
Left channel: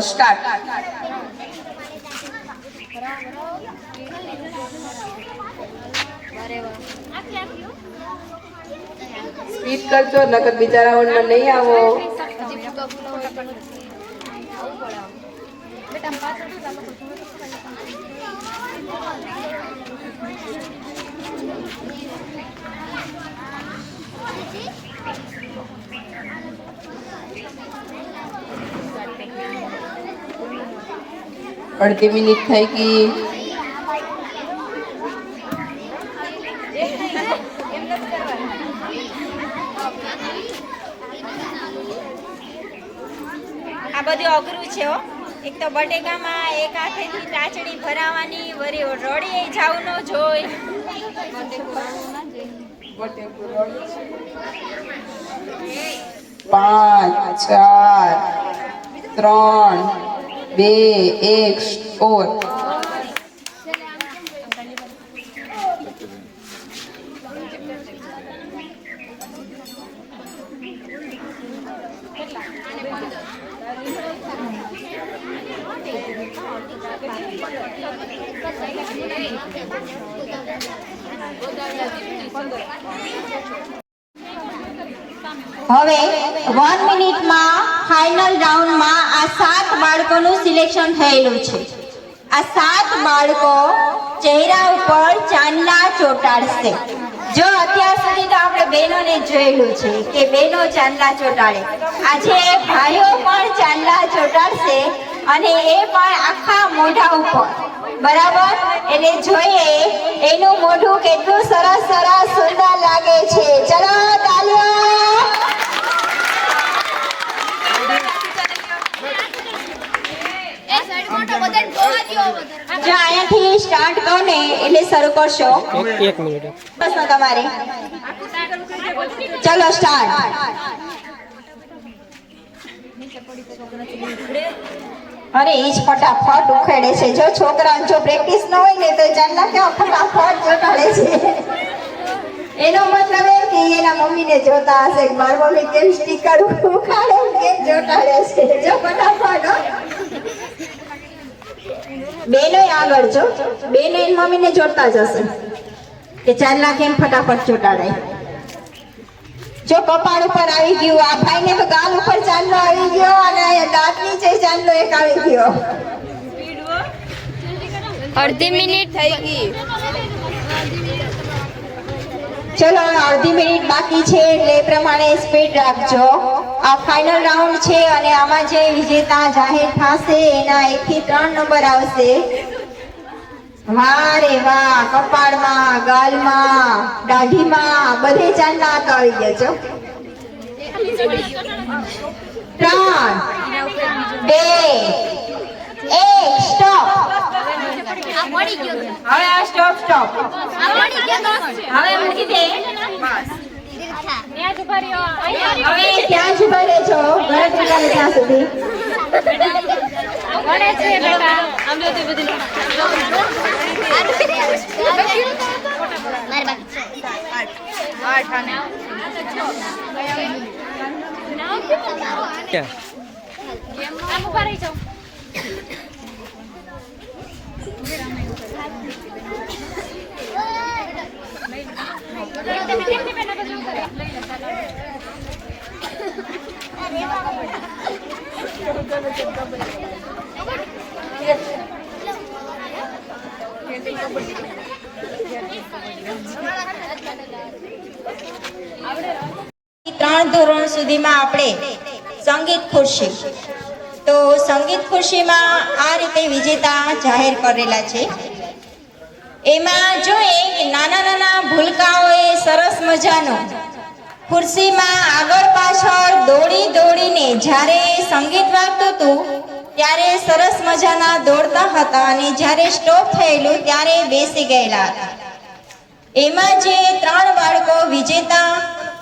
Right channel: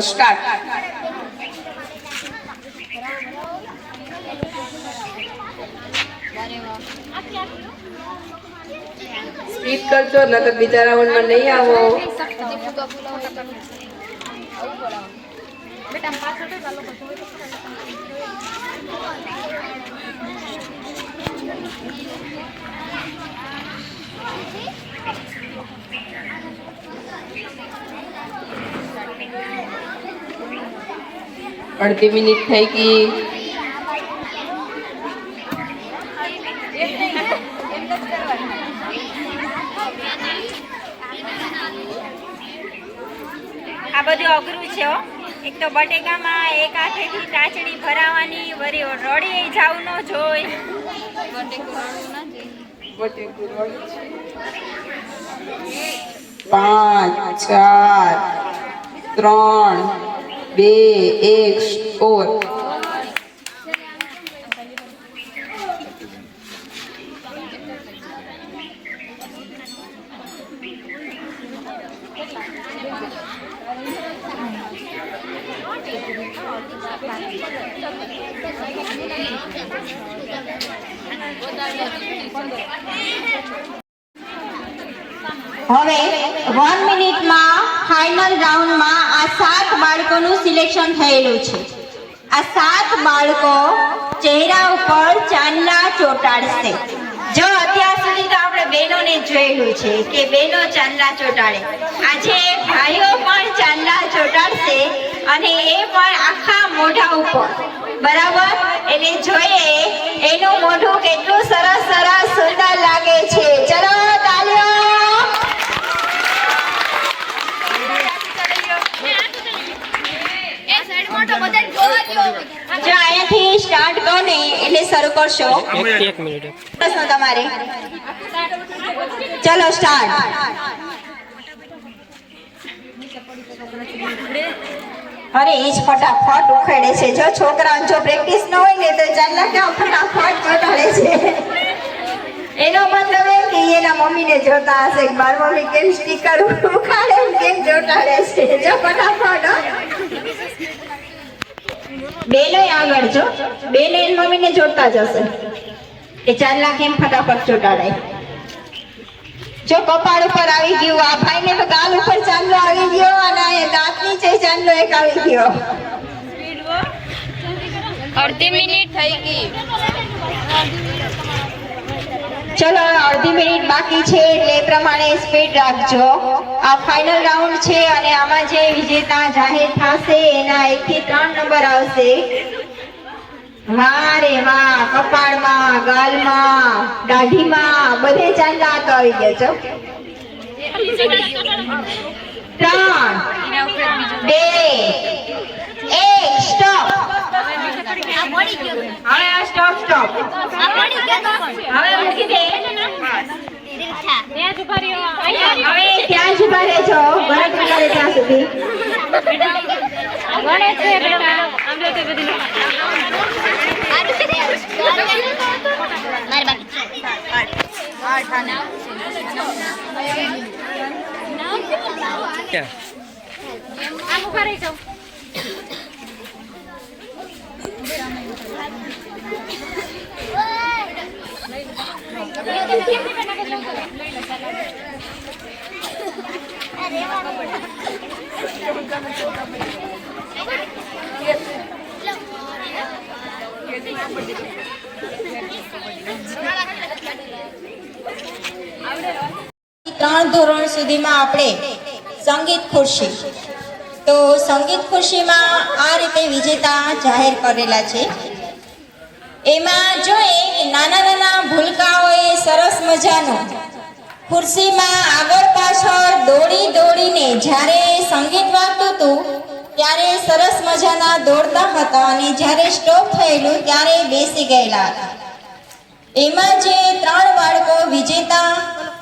સ્ટાર્ટ. સ્પીડ કરજો નકર બીજા રાઉન્ડમાં નહીં આવો. અડધી મિનિટ થઈ ગઈ. આ બધું અઘરું છે હો. એક તો બટેકામાં એક હાથેથી ટાચણી ભરાવાની, વળી રડીએ જાવું ન જોઈ. 5 4 3 2 1 ઓવર. હવે 1 મિનિટમાં ફાઇનલ રાઉન્ડમાં આ 7 બાળકોનું સિલેક્શન થયેલું છે. આ 7 બાળકો ચહેરા ઉપર ચાંદલા ચોંટાડશે. જો અત્યાર સુધી તો આપણે બહેનોને જોયેલું છે કે બહેનો ચાંદલા ચોંટાડે, આજે ભાઈઓ પણ ચાંદલા ચોંટાડશે અને એ પણ આખા મોઢા ઉપર. બરાબર, એટલે જોઈએ એનું મોઢું કેટલું સરસ સરસ સુંદર લાગે છે. ચલો તાળીઓ. જો અહીંયાથી સ્ટાર્ટ કરો ને એટલે શરૂ કરશો. 1 મિનિટ તમારે. ચલો સ્ટાર્ટ. અરે એ જ ફટાફટ ઉખેડે છે. જો છોકરાને જો પ્રેક્ટિસ ન હોય ને તો ચાંદલા કેમ ફટાફટ ચોંટાડે છે. એનો મતલબ એમ કે એના મમ્મીને જોતા હશે કે મારી મમ્મી કેમ સ્ટીકર ઉખાડે કેમ ચોંટાડે છે. જો ફટાફટ બેનો આગળ જો બેનો એની મમ્મીને જોતા જ હશે કે ચાંદલા કેમ ફટાફટ ચોંટાડે. જો કપાળ ઉપર આવી ગયું, આ ભાઈને તો ગાલ ઉપર ચાંદલો આવી ગયો અને દાંત નીચે ચાંદલો એક આવી ગયો. અડધી મિનિટ થઈ ગઈ. ચલો અડધી મિનિટ બાકી છે એટલે એ પ્રમાણે સ્પીડ રાખજો. આ ફાઇનલ રાઉન્ડ છે અને આમાં જે વિજેતા જાહેર થશે એના 1 થી 3 નંબર આવશે. વાહ રે વાહ, કપાળમાં, ગાલમાં, દાઢીમાં બધે ચાંદલા આવી ગયા છો. 3 2 1 સ્ટોપ. હવે સ્ટોપ સ્ટોપ. હવે મૂકી દે. હવે ત્યાં જ ઉભા રહેજો ગણતરી કરે ત્યાં સુધી. ત્રણ ધોરણ સુધીમાં આપણે સંગીત ખુરશી. તો સંગીત ખુરશીમાં આ રીતે વિજેતા જાહેર કરેલા છે. એમાં જોઈએ કે નાના નાના ભૂલકાઓએ સરસ મજાનો ખુરશીમાં આગળ પાછળ દોડી દોડીને જ્યારે સંગીત વાગતું હતું ત્યારે સરસ મજાના દોડતા હતા અને જ્યારે સ્ટોપ થયેલું ત્યારે બેસી ગયેલા હતા. એમાં જે 3 બાળકો વિજેતા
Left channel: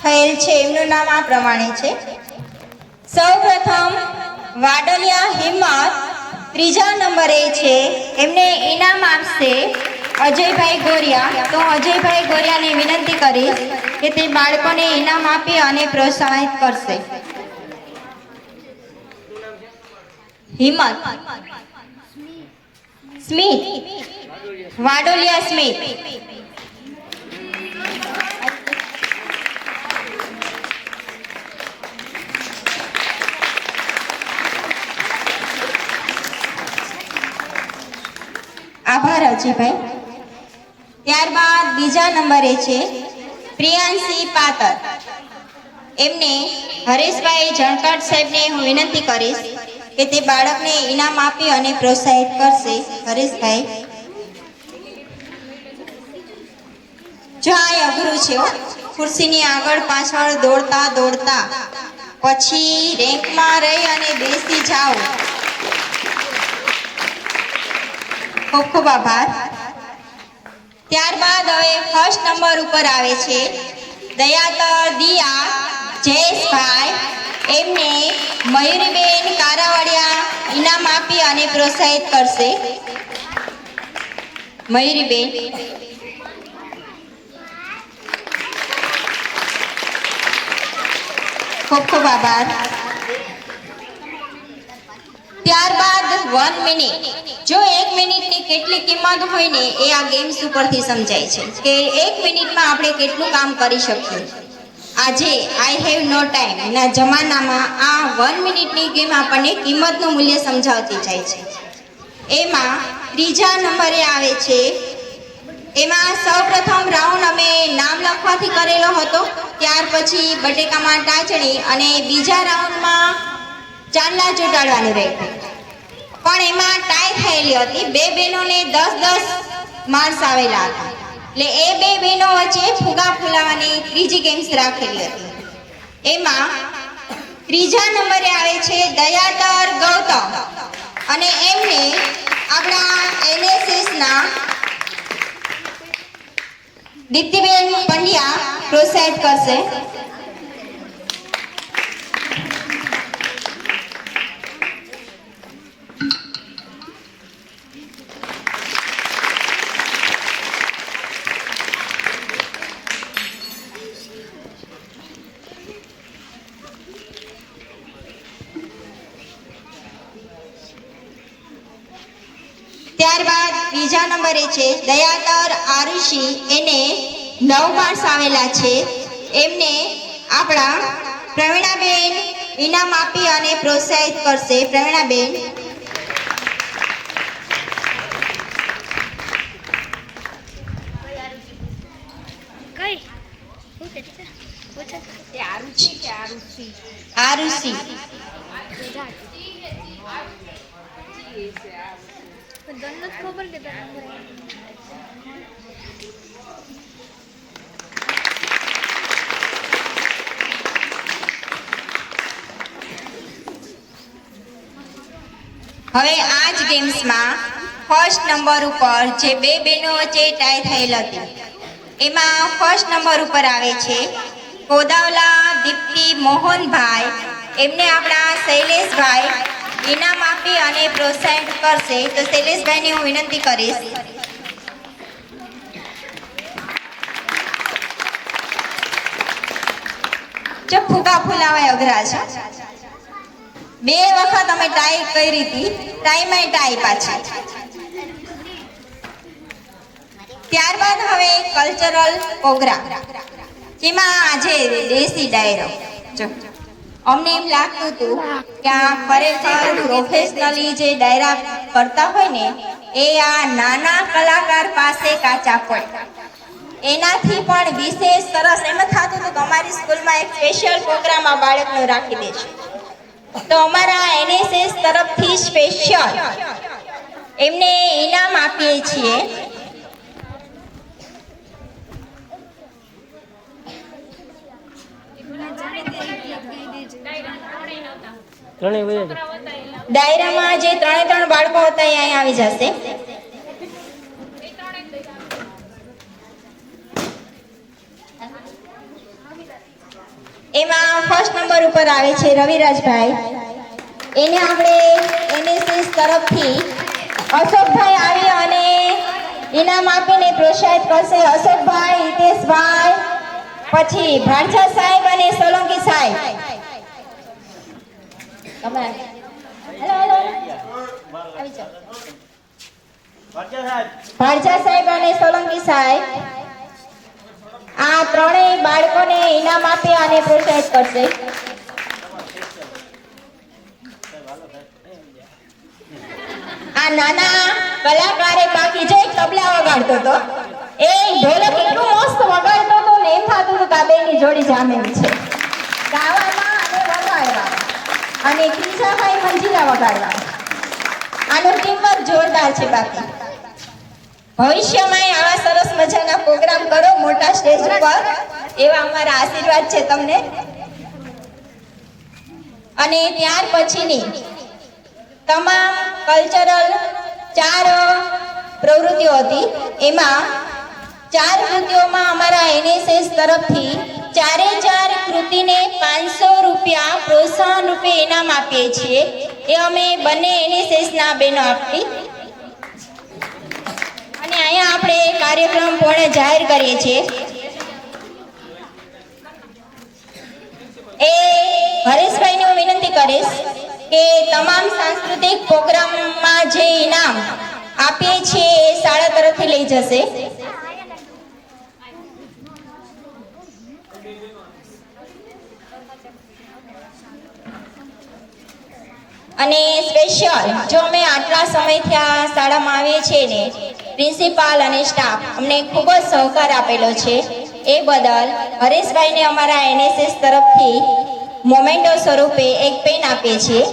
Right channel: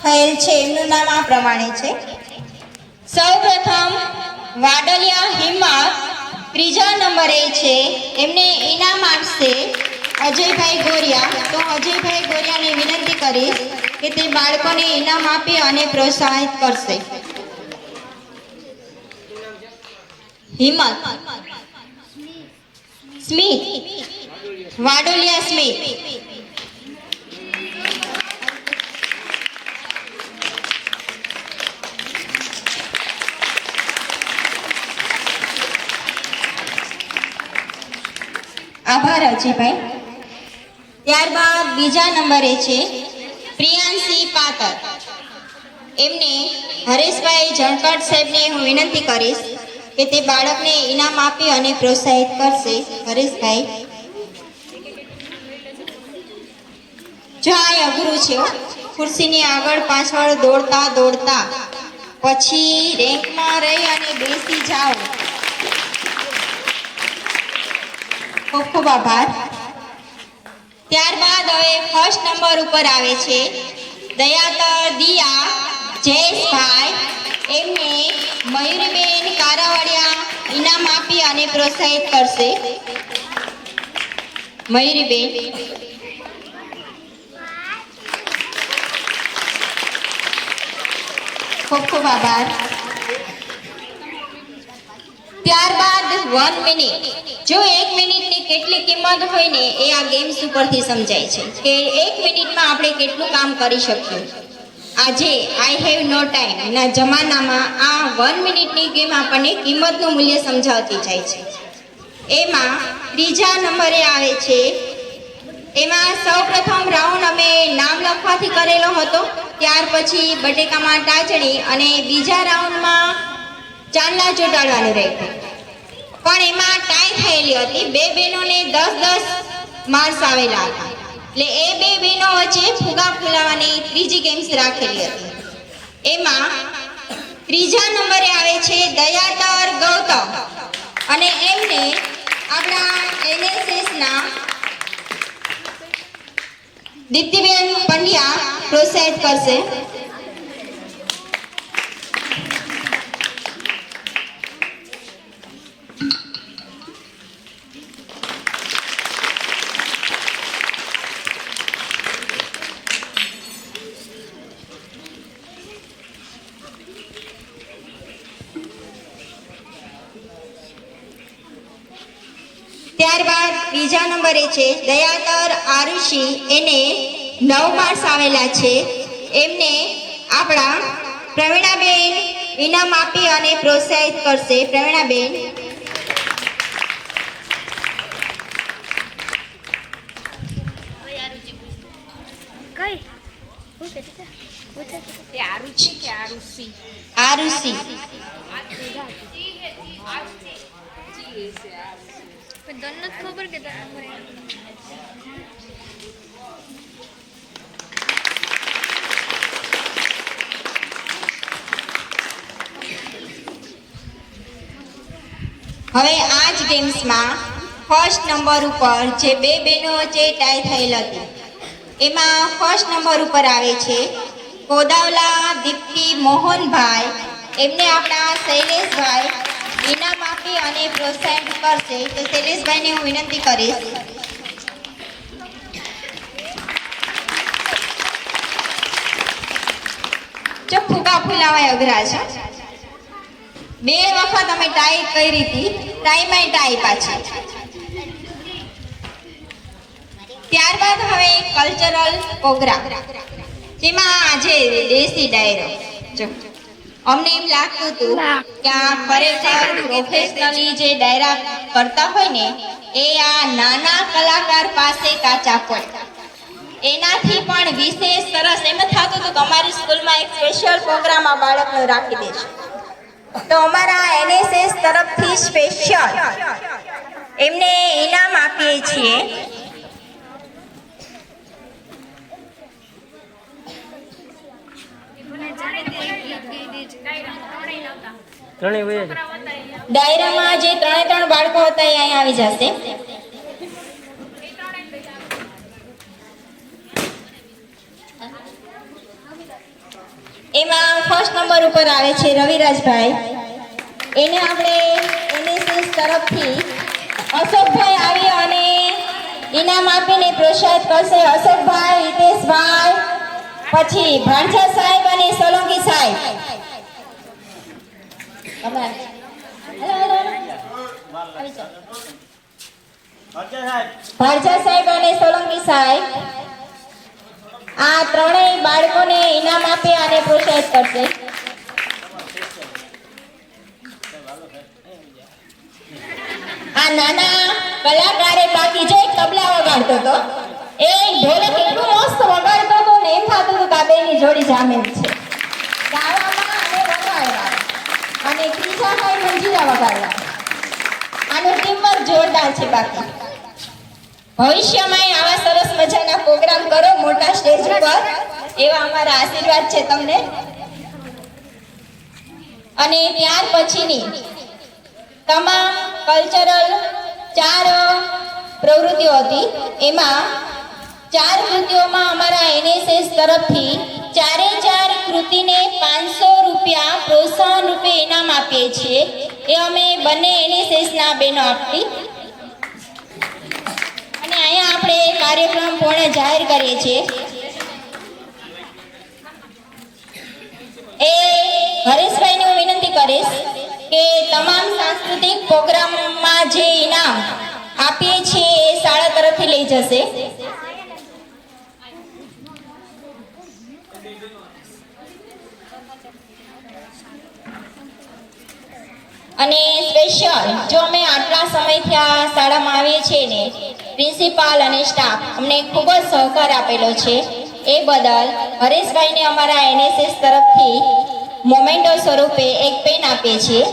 થયેલ છે એમનું નામ આ પ્રમાણે છે. સૌપ્રથમ વાડલિયા હિંમત ત્રીજા નંબરે છે. એમને ઇનામ આપશે અજયભાઈ ગોરિયા. તો અજયભાઈ ગોરિયાને વિનંતી કરીશ કે તે બાળકોને ઇનામ આપી અને પ્રોત્સાહિત કરશે. હિંમત, સ્મિત, વાડોલિયા સ્મિત. આભાર અજયભાઈ. ત્યારબાદ બીજા નંબરે છે પ્રિયાંશી પાતર. એમને હરેશભાઈ જણકટ સાહેબને હું વિનંતી કરીશ કે તે બાળકને ઇનામ આપી અને પ્રોત્સાહિત કરશે. હરેશભાઈ, જો આ અઘરું છે. ખુરશીની આગળ પાછળ દોડતા દોડતા પછી રેન્કમાં રહી અને બેસી જાઓ. ખૂબ ખૂબ આભાર. ત્યારબાદ હવે ફર્સ્ટ નંબર ઉપર આવે છે દયાતર દિયા જયેશભાઈ. એમને મયુરીબેન કારાવાડિયા ઇનામ આપી અને પ્રોત્સાહિત કરશે. મયુરીબેન, ખૂબ ખૂબ આભાર. ત્યારબાદ 1 મિનિટ. જો 1 મિનિટની કેટલી કિંમત હોય ને એ આ ગેમ્સ ઉપરથી સમજાય છે કે 1 મિનિટમાં આપણે કેટલું કામ કરી શકીએ. આજે આઈ હેવ નો ટાઈમ ના જમાનામાં આ 1 મિનિટની ગેમ આપણને કિંમતનું મૂલ્ય સમજાવતી જાય છે. એમાં ત્રીજા નંબરે આવે છે. એમાં સૌપ્રથમ રાઉન્ડ અમે નામ લખવાથી કરેલો હતો. ત્યાર પછી બટેકામાં ટાચણી અને બીજા રાઉન્ડમાં ચાંદલા ચોંટાડવાનું રહ્યું. પણ એમાં ટાઈ થયેલી હતી. 2 બહેનોને 10-10 માર્ક્સ આવેલા હતા. એટલે એ 2 બહેનો વચ્ચે ફુગા ફૂલાવાની ત્રીજી ગેમ્સ રાખેલી હતી. એમાં ત્રીજા નંબરે આવે છે દયાતર ગૌતમ અને એમને આપણા NSSના દીપ્તિબેન પંડ્યા પ્રોત્સાહિત કરશે. ત્યારબાદ બીજા નંબરે છે દયાતર આરુષી. એને 9 માર્ક્સ આવેલા છે. એમને આપણા પ્રવીણાબેન ઇનામ આપી અને પ્રોત્સાહિત કરશે. પ્રવીણાબેન, આરુષી. હવે આ જ ગેમ્સમાં ફર્સ્ટ નંબર ઉપર જે 2 બહેનો વચ્ચે ટાઈ થયેલ હતી એમાં ફર્સ્ટ નંબર ઉપર આવે છે કોદાવલા દીપ્તિ મોહનભાઈ. એમને આપણા શૈલેષભાઈ ઇનામ આપી અને પ્રોત્સાહિત કરશે. તો શૈલેષભાઈને હું વિનંતી કરીશ. જો ફુગા ફૂલાવાય અઘરા છે. 2 વખત અમે ટાઈ કરી હતી. ટાઈમાં ટાઈ પાછી. ત્યારબાદ હવે કલ્ચરલ પ્રોગ્રામ જેમાં આજે દેશી ડાયરો. જો અમને એમ લાગતું હતું કે આ ખરેખર પ્રોફેશનલી જે ડાયરા કરતા હોય ને એ આ નાના કલાકાર પાસે કાચા પડે. એનાથી પણ વિશેષ સરસ એમ થતું હતું કે અમારી સ્કૂલમાં એક સ્પેશિયલ પ્રોગ્રામ આ બાળકનો રાખી દેશે. તો અમારા એનએસએસ તરફથી સ્પેશિયલ એમને ઇનામ આપીએ છીએ. ડાયરામાં જે 3 બાળકો હતા એ અહીંયા આવી જશે. એમાં ફર્સ્ટ નંબર ઉપર આવે છે રવિરાજભાઈ. એને આપણે એનએસએસ તરફથી અશોકભાઈ આવી અને ઇનામ આપીને પ્રોત્સાહિત કરશે. અશોકભાઈ, હિતેશભાઈ, પછી ભાણસા સાહેબ અને સોલંકી સાહેબ. ભાણસા સાહેબ અને સોલંકી સાહેબ આ ત્રણેય બાળકોને ઇનામ આપે અને પ્રોત્સાહિત કરશે. આ નાના કલાકારે બાકી જો એક તબલા વગાડતો હતો, એ ઢોલક એટલું મસ્ત વગાડતો હતો ને એમ થતું હતું કે આ બેની જોડી જામેલી છે ગાવામાં અને વગાડવામાં. અને ક્રિશાભાઈ મંજીરા વગાડવા. આનું ટીમવર્ક જોરદાર છે. બાકી ભવિષ્યમાં આવા સરસ મજાના પ્રોગ્રામ કરો મોટા સ્ટેજ ઉપર, એવા અમારા આશીર્વાદ છે તમને. અને ત્યાર પછીની તમામ કલ્ચરલ 4 પ્રવૃત્તિઓ હતી. એમાં 4 કૃતિઓમાં અમારા એનએસએસ તરફથી 4 કૃતિને 500 રૂપિયા પ્રોત્સાહન રૂપે ઇનામ આપીએ છીએ. એ અમે બંને એનએસએસના બહેનો આપી. અને અહીંયા આપણે કાર્યક્રમ પૂર્ણ જાહેર કરીએ છીએ. એ હરેશભાઈને હું વિનંતી કરીશ કે તમામ સાંસ્કૃતિક પ્રોગ્રામમાં જે ઇનામ આપીએ છીએ એ શાળા તરફથી લઈ જશે. અને સ્પેશિયલ જો અમે આટલા સમયથી આ શાળામાં આવીએ છીએ ને, પ્રિન્સિપાલ અને સ્ટાફ અમને ખૂબ જ સહકાર આપેલો છે. એ બદલ હરેશભાઈને અમારા એનએસએસ તરફથી મોમેન્ટો સ્વરૂપે એક પેન આપીએ છીએ.